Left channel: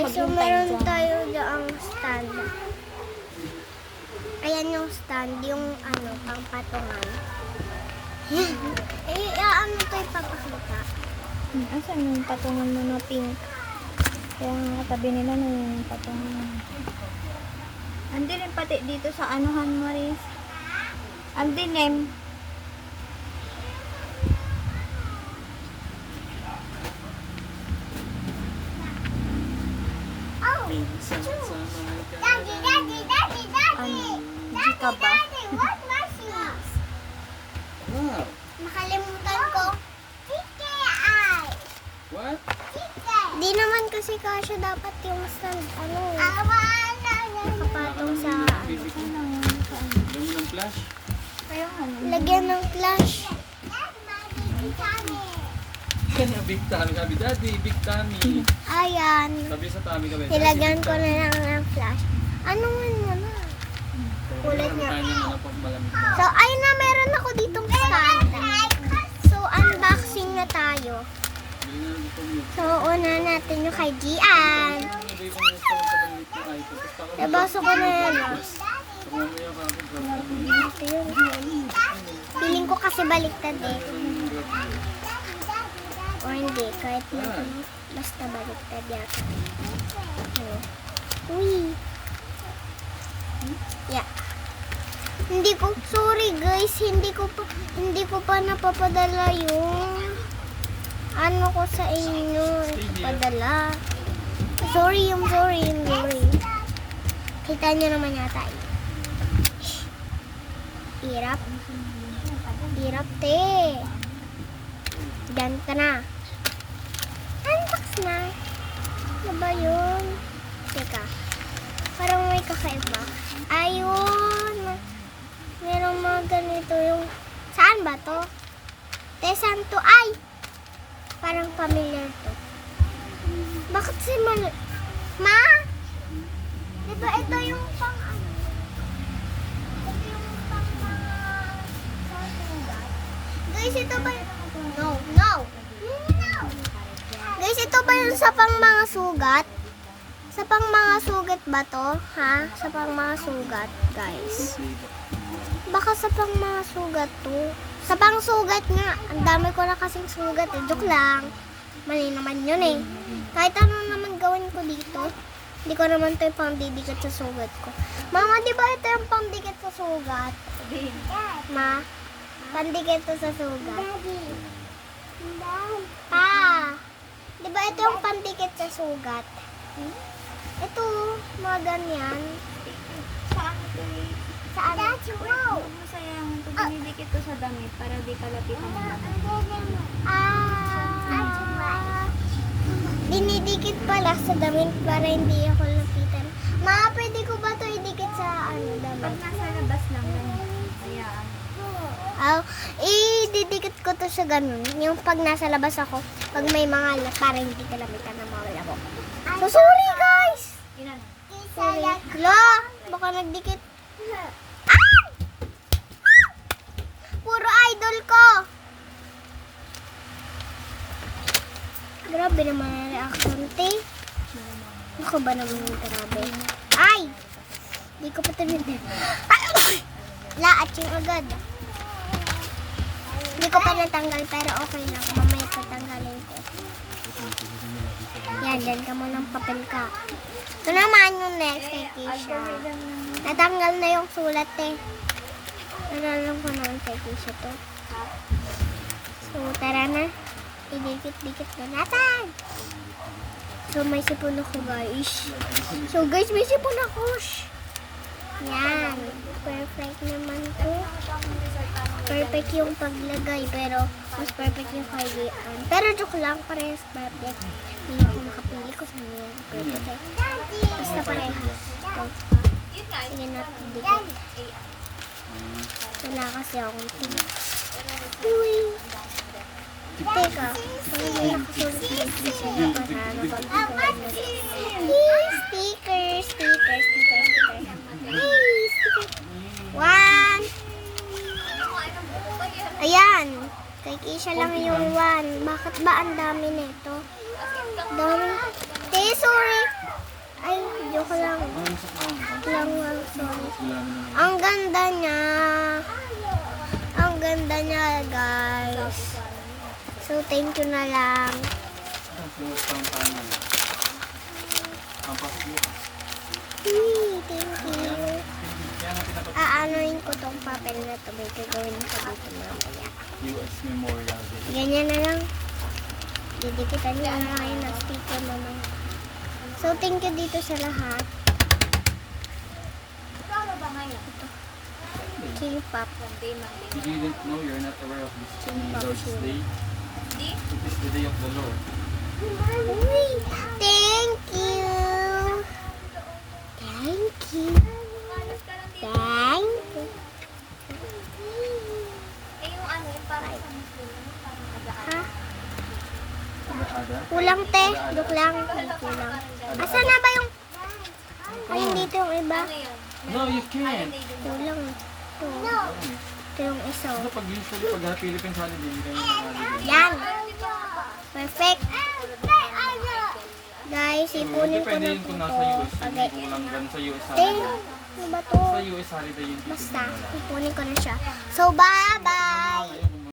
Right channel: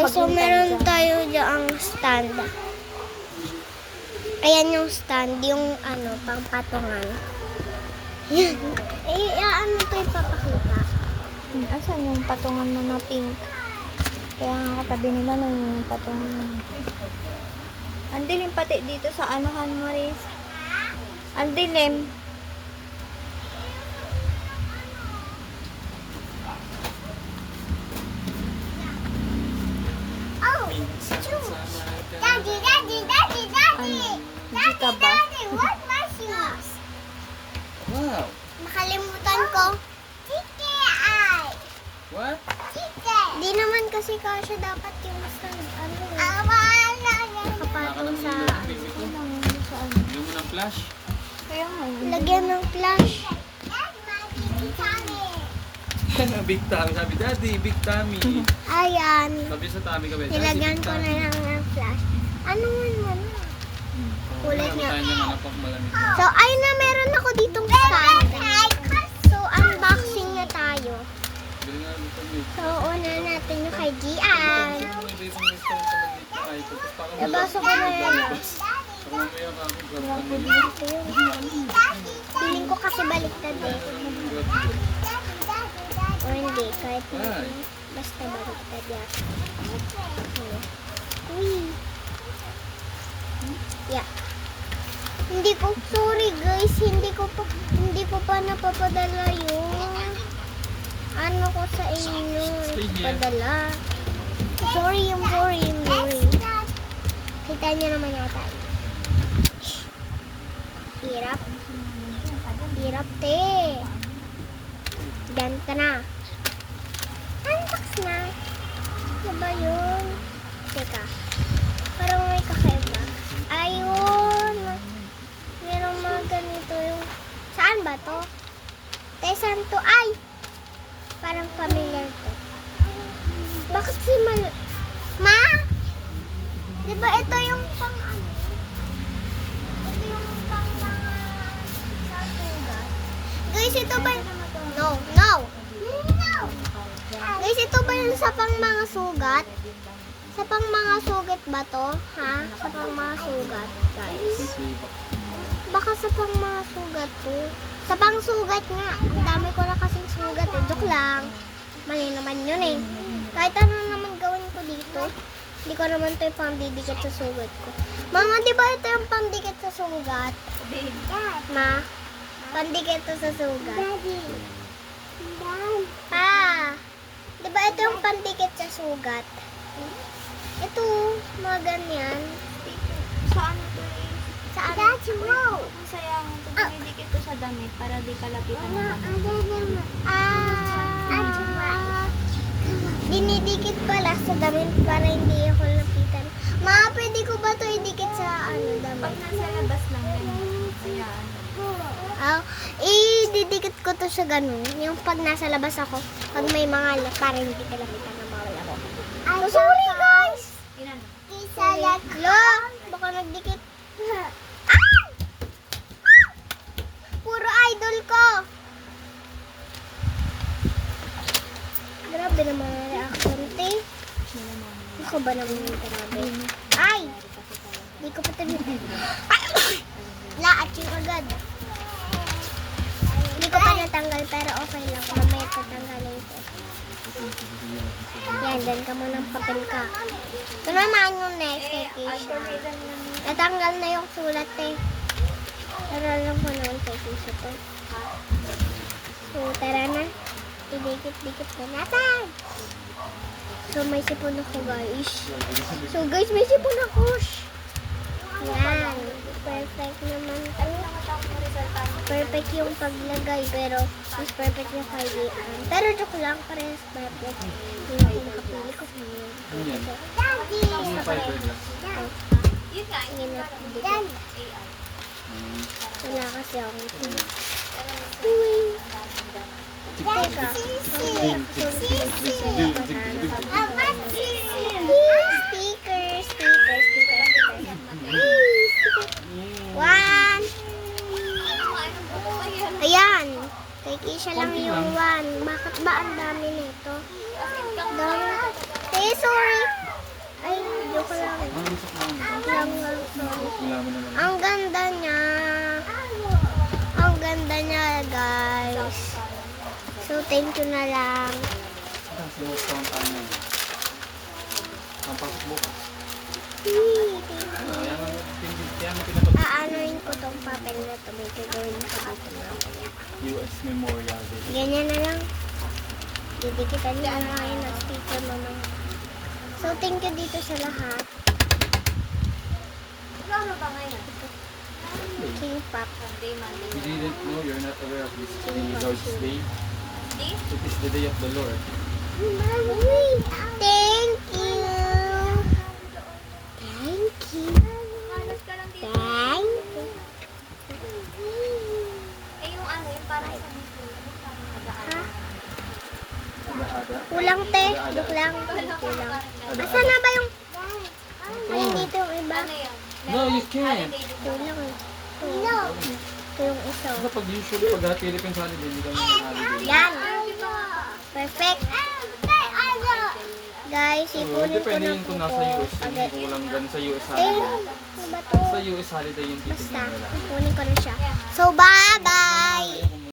Guys, so meron tayo diyang stand. Ayan yung stand, yung ano, pangpatungan. Yan. Ano to ipapakita? Asan yung patungan mo na pink? Kaya nga katabi nila ng patungan. Ang dilim pati dito sa anuhan, Maris. Ang dilim. Hindi ka ba? Wow. Nakalimutan ko. What? Di naman kasi kasi dapat yung stand, ano, nakapatong sa, ano. Bigyan mo ng flash. Kaya nga. Lagyan ng flash. Yan ang big tummy. Sabi, Daddy, big tummy. Ayan. Sabi sa tummy ka ba? Nilagyan ko na lang ng flash. Anong mo na? Kulay niya. So, ayun na, meron ako ditong stand. So, unboxing na tayo. So, una natin yung kay Gian. Nabasa ko na yan, ah. Feeling ko kasi baliktad eh. O hindi, kahit na ano, basta baliktad yata. Ano? Uy! Yeah. Hindi ko, sorry guys, hindi ko pa napapadala yung ano ko sa inyo. Padala. Sorry. Kita nyo naman yata. Hirap. Hirap, te. Diyan ka na. Unbox na. Ano ba yun? Teka. Parang may kakaiba. Ayun. Meron mga ganito yung... Saan ba to? Tesan to. Ay! Parang pamilyar to. Bakit si Mani? Ma? Diba ito yung pang... Ito yung pang mga... Guys, ito ba yung... No! Guys, ito ba yung sa pang mga sugat? Sa pang mga sugat ba to? Ha? Sa pang mga sugat, guys. Baka sa pang mga sugat to. Sa pang sugat nga. Ang dami ko na kasing sugat eh. Joke lang. Mali naman yun eh. Kahit ano naman gawin ko dito, hindi ko naman ito yung pambidikit sa sugat ko. Mama, di ba ito yung pambidikit sa sugat? Ma, pandikit ito sa sugat. Pa, di ba ito yung pandikit sa sugat? Ito, mga ganyan. Saan ito eh? Saan? Masaya nito. Dinidikit ko sa damit para di kalapitan mo. Dinidikit pala sa damit para hindi ako lapitan. Ma, pwede ko ba ito idikit sa damit? Nasa labas lang yan. Kaya Ididikit ko to sa ganun. Yung pag nasa labas ako, pag may mga para hindi ka lapitan na mawala ako. So, sorry guys! Sorry. Lo, baka nagdikit. Ah! Puro idol ko. Grabe naman ang reaction, te. Ako ba naman yung grabe? Ay! Di ko pa tabi. Laat yung agad. Hindi ko pa natanggal pero okay lang. Mamaya tatanggalin ko. Yan, dan ka mo ng papel ka. Ito naman yung next kay Keisha. Natanggal na yung sulat eh. Natanggal ko naman kay Keisha to. So, tara na. Idikit-dikit na natin. So, may sipon ako guys. So, guys, may sipon ako. Yan. Perfect naman to. Perfect yung paglagay. Pero, mas perfect yung kay pero joke lang. Parehas perfect. Hindi ako makapili ko sa inyo. Basta parehas. Sige na. Dikit. Wala kasi akong tingin. Uy! Teka. Sticker. One. Ayan. Kay Keisha lang yung one. Bakit ba ang dami nito? Dami. Sorry. So, thank you na lang. Ang sinus pa ng kanan. Ang pasok bukas. Thank you. Kaya nga pinapag Aanoin ko tong papel na ito. Dito gawin ko dito mamaya. US Memorial Day. Ganyan na lang. Didikitan niyo ang mga na sticker mama. So, thank you dito sa lahat. K-pop. You didn't know, you're not aware of this Lord's Day. It is the day of the Lord. Thank you. Thank you. Thank you. Ha? Ada-ada. Kulang te. Duk lang. May kulang. Asa na ba yung... Ayun dito yung iba. No, you can't. Kulang. Ito yung isa. Ano pag usually pag Philippine holiday, hindi kami ng holiday. Yan. Perfect. Guys, ipunin ko Depende na yun po kung to. nasa US. Kung Pag- kulang gan sa US Eh, holiday. ano ba to? Sa US holiday yung Basta, titignan nila. ipunin ko na siya. So, bye-bye!